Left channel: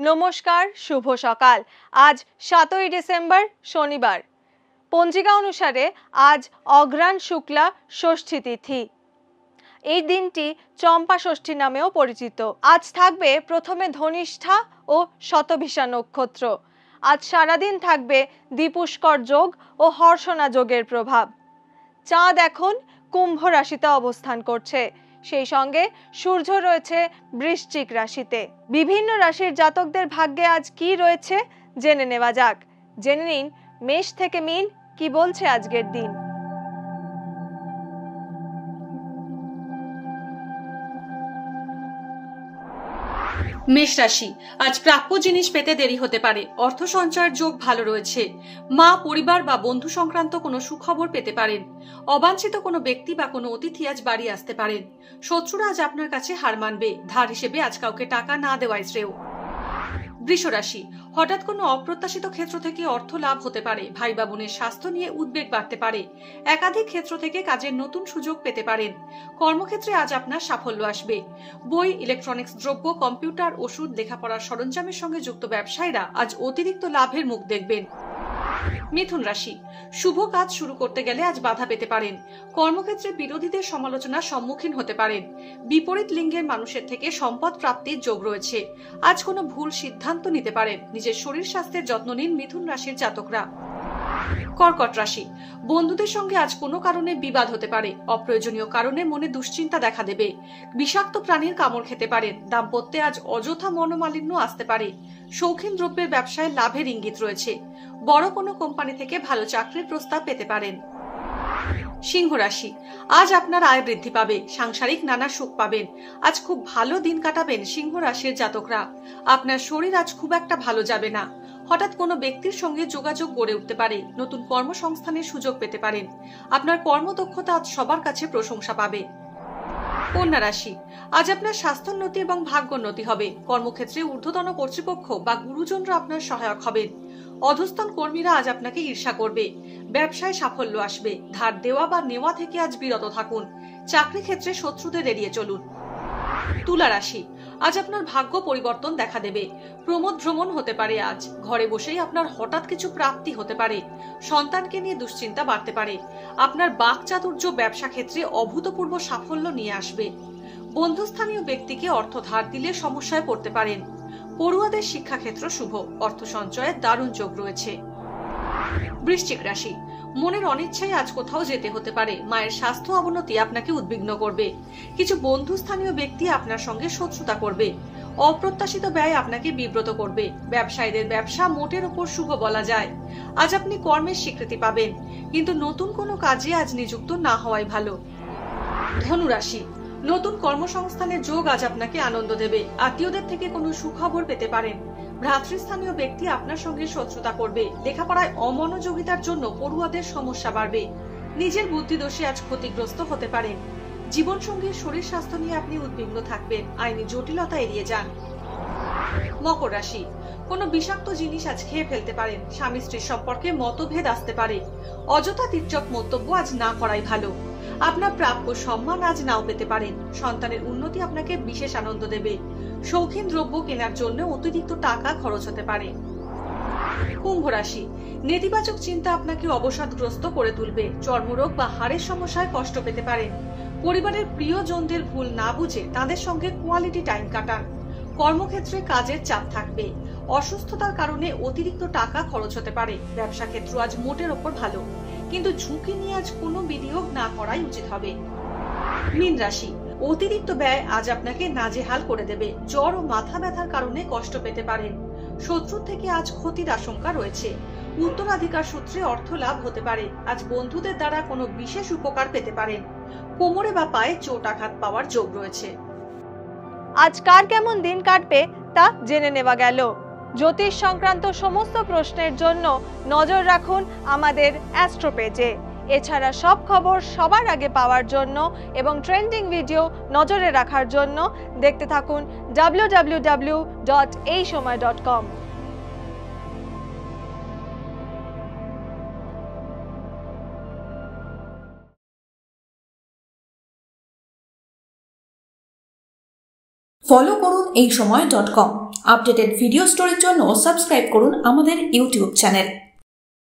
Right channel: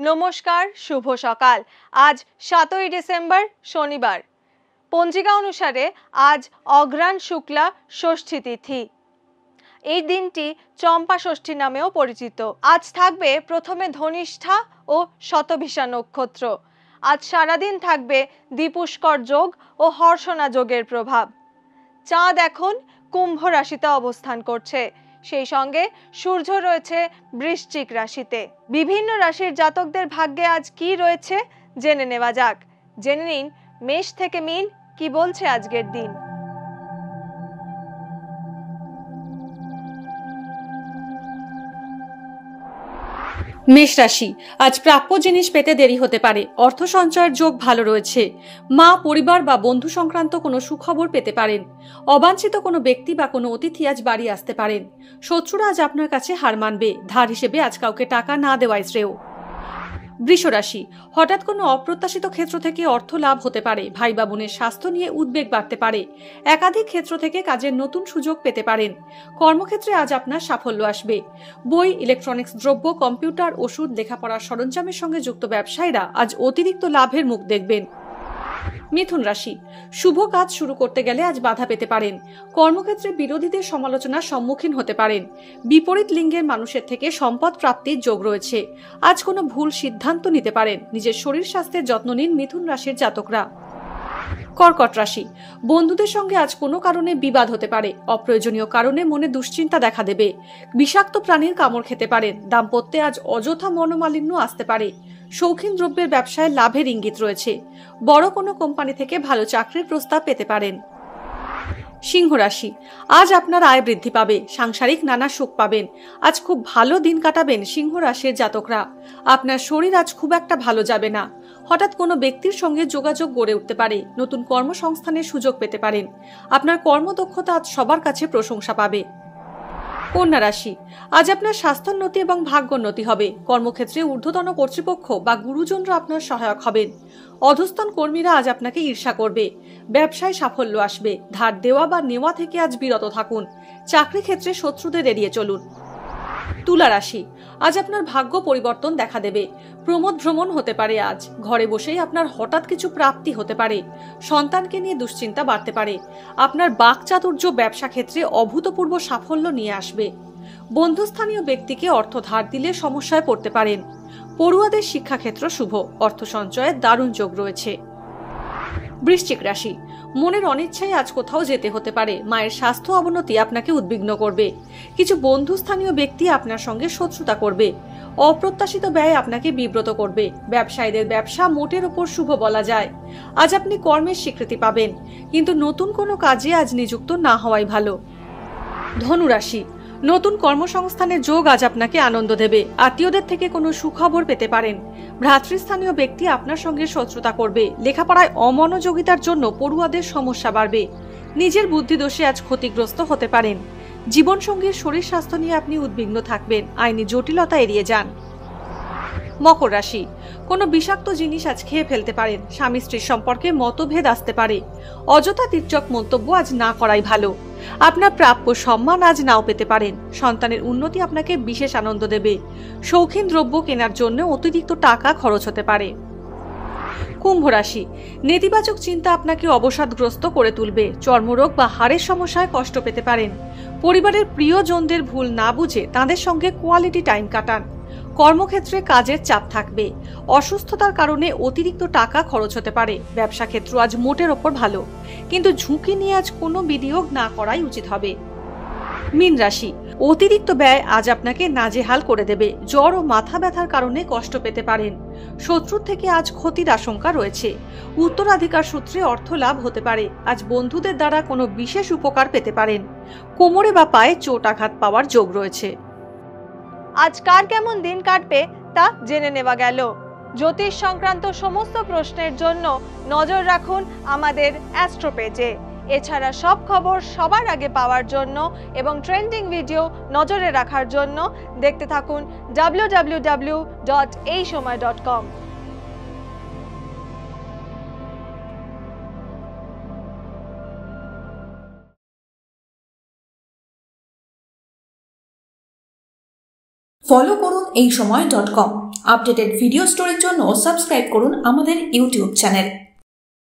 নমস্কার, শুভ সকাল। আজ 7ই ডিসেম্বর শনিবার। পঞ্জিকা অনুসারে আজ অঘ্রাণ শুক্লা ষষ্ঠী তিথি। এই দিনটি চম্পা ষষ্ঠী নামেও পরিচিত। আজ থাকবে প্রথমে ধনিষ্ঠা ও শতভিষা নক্ষত্র। আজ সারাদিন থাকবে দ্বিপুষ্কর যোগ ও হর্ষণা যোগের প্রভাব। চাঁদ এখন কুম্ভ রাশিতে অবস্থান করছে, সেই সঙ্গে সূর্য রয়েছে বৃশ্চিক রাশিতে। বিভিন্ন রাশির জাতকদের ভাগ্যে আজ কি রয়েছে জেনে নেওয়া যাক। জেনে নিন মেষ থেকে মীন কি বলছে আজকের দিন। মেষ রাশি, আজ প্রাপ্য জিনিস পেতে দেরি হতে পারে। অর্থ সঞ্চয়ের যোগ ভালো রয়েছে। মা, পরিবার বা বন্ধু সংক্রান্ত কোনো সুখবর পেতে পারেন। অবাঞ্ছিত কোনো ব্যক্তি বা কোনো অতিথি আজ বাড়ি আসতে পারেন। শত্রুরা আজ আপনার কাছে হার মানবে। ধার হিসেবে আজ কাউকে টাকা না দেওয়াই শ্রেয়। বৃষ রাশি, হঠাৎ কোনো অপ্রত্যাশিত ক্ষেত্র থেকে অর্থ লাভ হতে পারে। ভাই বা বোনের স্বাস্থ্য নিয়ে উদ্বেগ বাড়তে পারে। একাধিক ক্ষেত্র থেকে কাজের নতুন সুযোগ পেতে পারেন। কর্মক্ষেত্রে আজ আপনার সাফল্য আসবে। বই, ইলেকট্রনিক্স দ্রব্য, কম্পিউটার, ওষুধ, লেখাপড়ার সরঞ্জামের সঙ্গে যুক্ত ব্যবসায়ীরা আজ অতিরিক্ত লাভের মুখ দেখবেন। মিথুন রাশি, শুভ কাজ শুরু করতে গেলে আজ বাধা পেতে পারেন। কর্মক্ষেত্রে বিরোধীদের সমালোচনার সম্মুখীন হতে পারেন। বিপরীত লিঙ্গের মানুষের থেকে সম্পদ প্রাপ্তির যোগ রয়েছে। আজ কোনো ভুল সিদ্ধান্ত নিতে পারেন। নিজের শরীর স্বাস্থ্যের যত্ন নিন মিথুন রাশির জাতকরা। কর্কট রাশি, বন্ধুদের সঙ্গে আজ কোনো কারণে বিবাদ হতে পারে। অপ্রয়োজনীয় কারণে মনে দুশ্চিন্তা দেখা দেবে। বিষাক্ত প্রাণীর কামড় খেতে পারেন। দাম্পত্যে আজ অযথা মনোমালিন্য আসতে পারে। শৌখিন দ্রব্যের ব্যবসায় লাভের ইঙ্গিত রয়েছে। বড় কোনো কোম্পানি থেকে ভালো চাকরির প্রস্তাব পেতে পারেন। সিংহ রাশি, আজ আপনার আয় বৃদ্ধি পাবে। সাংসারিক নানা সুখ পাবেন। আজ খুব ভালো দিন কাটাবেন সিংহ রাশির জাতকরা। আপনার শরীর আজ খুব একটা ভালো যাবে না। হঠাৎ কোনো ব্যক্তির সঙ্গে যোগাযোগ গড়ে উঠতে পারে। নতুন কর্মসংস্থানের সুযোগ পেতে পারেন। আপনার কর্মদক্ষতা আজ সবার কাছে প্রশংসা পাবে। কন্যা রাশি, আজ আপনার স্বাস্থ্যোন্নতি এবং ভাগ্যোন্নতি হবে। কর্মক্ষেত্রে ঊর্ধ্বতন কর্তৃপক্ষ বা গুরুজনরা আপনার সহায়ক হবেন। অধস্তন কর্মীরা আজ আপনাকে ঈর্ষা করবে। ব্যবসায় সাফল্য আসবে। ধার দেওয়া বা নেওয়া থেকে আজ বিরত থাকুন। চাকরি ক্ষেত্রে শত্রুদের এড়িয়ে চলুন। তুলা রাশি, আজ আপনার ভাগ্য পরিবর্তন দেখা দেবে। প্রমোদ ভ্রমণ হতে পারে। আজ ঘরে বসেই আপনার হঠাৎ কিছু প্রাপ্তি হতে পারে। সন্তানকে নিয়ে দুশ্চিন্তা বাড়তে পারে। আপনার বাকচাতুর্য ব্যবসা ক্ষেত্রে অভূতপূর্ব সাফল্য নিয়ে আসবে। বন্ধুস্থানীয় ব্যক্তিকে অর্থ ধার দিলে সমস্যায় পড়তে পারেন। পড়ুয়াদের শিক্ষাক্ষেত্র শুভ। অর্থ সঞ্চয়ের দারুণ যোগ রয়েছে। বৃশ্চিক রাশি, মনের অনিচ্ছায় আজ কোথাও যেতে হতে পারে। মায়ের স্বাস্থ্য অবনতি আপনাকে উদ্বিগ্ন করবে। কিছু বন্ধুস্থানীয় ব্যক্তি আপনার সঙ্গে শত্রুতা করবে। অপ্রত্যাশিত ব্যয় আপনাকে বিব্রত করবে। ব্যবসায়ীদের ব্যবসা মোটের ওপর শুভ বলা যায়। আজ আপনি কর্মের স্বীকৃতি পাবেন, কিন্তু নতুন কোনো কাজে আজ নিযুক্ত না হওয়াই ভালো। ধনু রাশি, নতুন কর্মসংস্থানের যোগ আজ আপনাকে আনন্দ দেবে। আত্মীয়দের থেকে কোনো সুখবর পেতে পারেন। ভ্রাতৃস্থানীয় ব্যক্তি আপনার সঙ্গে শত্রুতা করবে। লেখাপড়ায় অমনোযোগিতার জন্য পড়ুয়াদের সমস্যা বাড়বে। নিজের বুদ্ধিদোষে আজ ক্ষতিগ্রস্ত হতে পারেন। জীবনসঙ্গীর শরীর স্বাস্থ্য নিয়ে আপনি উদ্বিগ্ন থাকবেন। আইনি জটিলতা এড়িয়ে যান। মকর রাশি, কোনো বিষাক্ত জিনিস আজ খেয়ে ফেলতে পারেন। স্বামী স্ত্রীর সম্পর্কে মতভেদ আসতে পারে। অযথা তীর্যক মন্তব্য আজ না করাই ভালো। আপনার প্রাপ্য সম্মান আজ নাও পেতে পারেন। সন্তানের উন্নতি আপনাকে বিশেষ আনন্দ দেবে। শৌখিন দ্রব্য কেনার জন্য অতিরিক্ত টাকা খরচ হতে পারে। কুম্ভ রাশি, নেতিবাচক চিন্তা আপনাকে অবসাদগ্রস্ত করে তুলবে। চর্মরোগ বা হাড়ের সমস্যায় কষ্ট পেতে পারেন। পরিবারের প্রিয়জনদের ভুল না বুঝে তাদের সঙ্গে কোয়ালিটি টাইম কাটান। কর্মক্ষেত্রে কাজের চাপ থাকবে। অসুস্থতার কারণে অতিরিক্ত টাকা খরচ হতে পারে। ব্যবসা ক্ষেত্র আজ মোটের ওপর ভালো, কিন্তু ঝুঁকি নিয়ে আজ কোনো বিনিয়োগ না করাই উচিত হবে। মীন রাশি, অতিরিক্ত ব্যয় আজ আপনাকে নাজেহাল করে দেবে। জ্বর ও মাথা ব্যথার কারণে কষ্ট পেতে পারেন। শত্রুর থেকে আজ ক্ষতির আশঙ্কা রয়েছে। উত্তরাধিকার সূত্রে অর্থ লাভ হতে পারে। আজ বন্ধুদের দ্বারা কোনো বিশেষ উপকার পেতে পারেন। কোমরে বা পায়ে চোট আঘাত পাওয়ার যোগ রয়েছে। আজ কার কেমন দিন কাটবে তা জেনে নেওয়া গেল। জ্যোতিষ সংক্রান্ত সমস্ত প্রশ্নের জন্য নজর রাখুন আমাদের অ্যাস্ট্রো পেজে। এছাড়া সব খবর সবার আগে পাওয়ার জন্য এবং ট্রেন্ডিং ভিডিও নজরে রাখার জন্য দেখতে থাকুন www.eisomay.com। ফলো করুন এইসময়.com। আপডেটেড ভিডিও স্টোরির জন্য সাবস্ক্রাইব করুন আমাদের ইউটিউব চ্যানেল।